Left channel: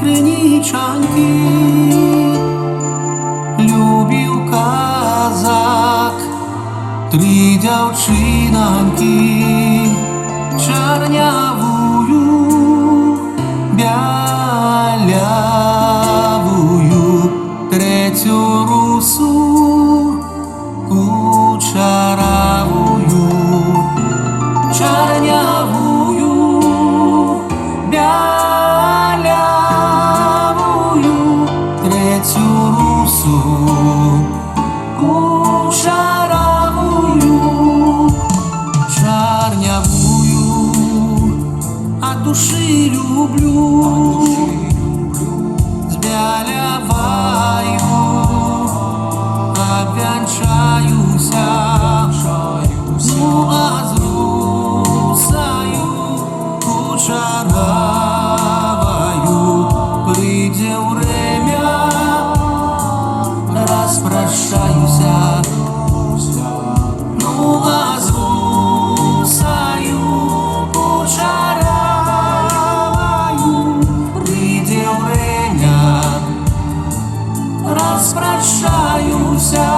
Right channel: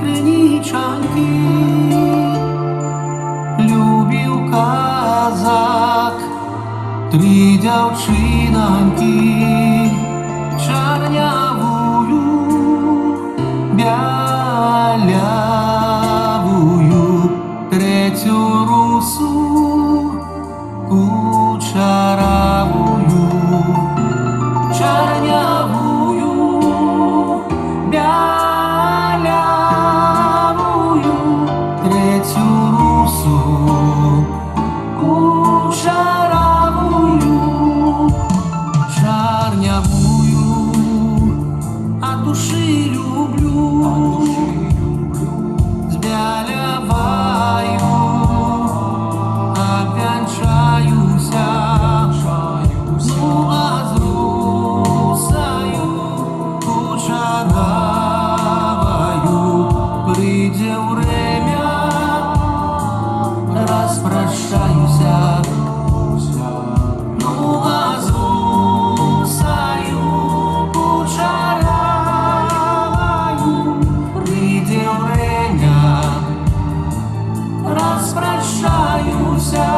криничанки, любив казак, три дівчиноньки, чорнявую, білявую, третю русу, кучеравую, чорнявую, білявую, третю русу, кучеравую, чорнявую, от души люблю, с белявою обвенчаюся, ну а з русою кучеравою прийде время, распрощаюся, ну а з русою кучеравою прийде время, распрощаюся.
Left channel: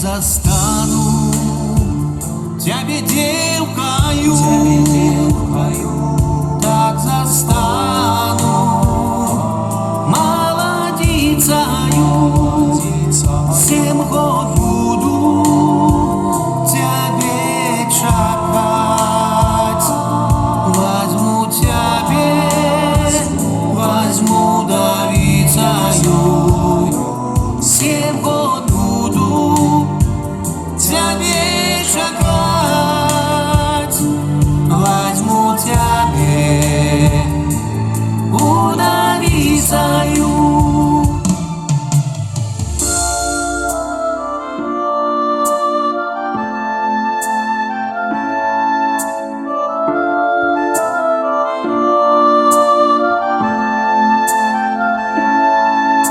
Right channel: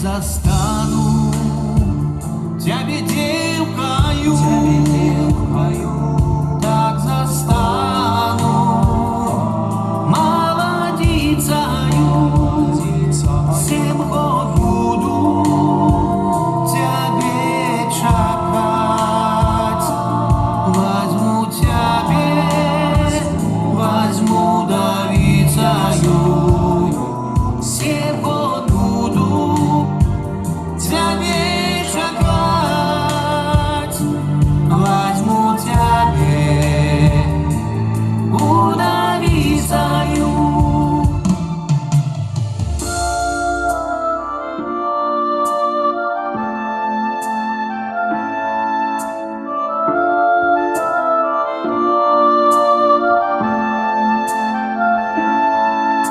Застану тебе девкою, так застану молодицею, 7 год буду тебе чекать, возьму тебе, возьму девицею, 7 год буду тебе чекать, возьму тебе удавицею.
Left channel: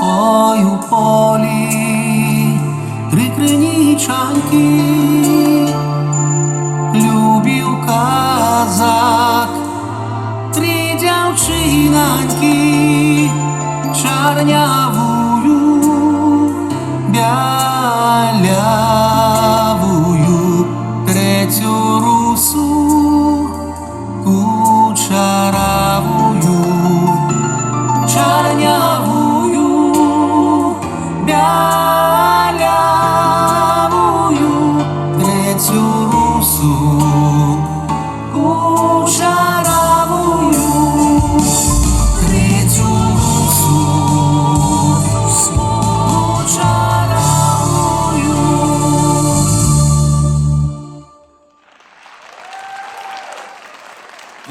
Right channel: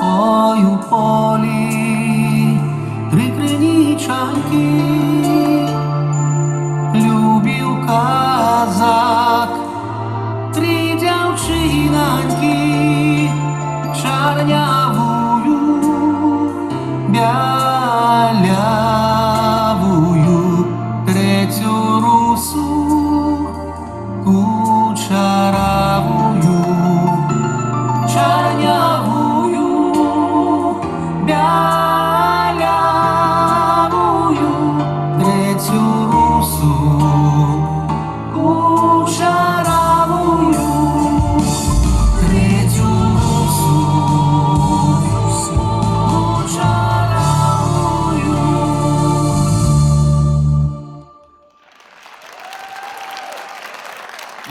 Ой, у полі три криничанки, любив казак, три дівчиноньки, чорнявую, білявую, третю русу, кучеравую, чорнявую, білявую, третю русу, кучеравую, третю русу, кучеравую.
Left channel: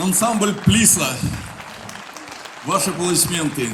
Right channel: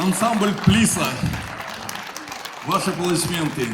Ансамбль Плиса. Ваши аплодисменты.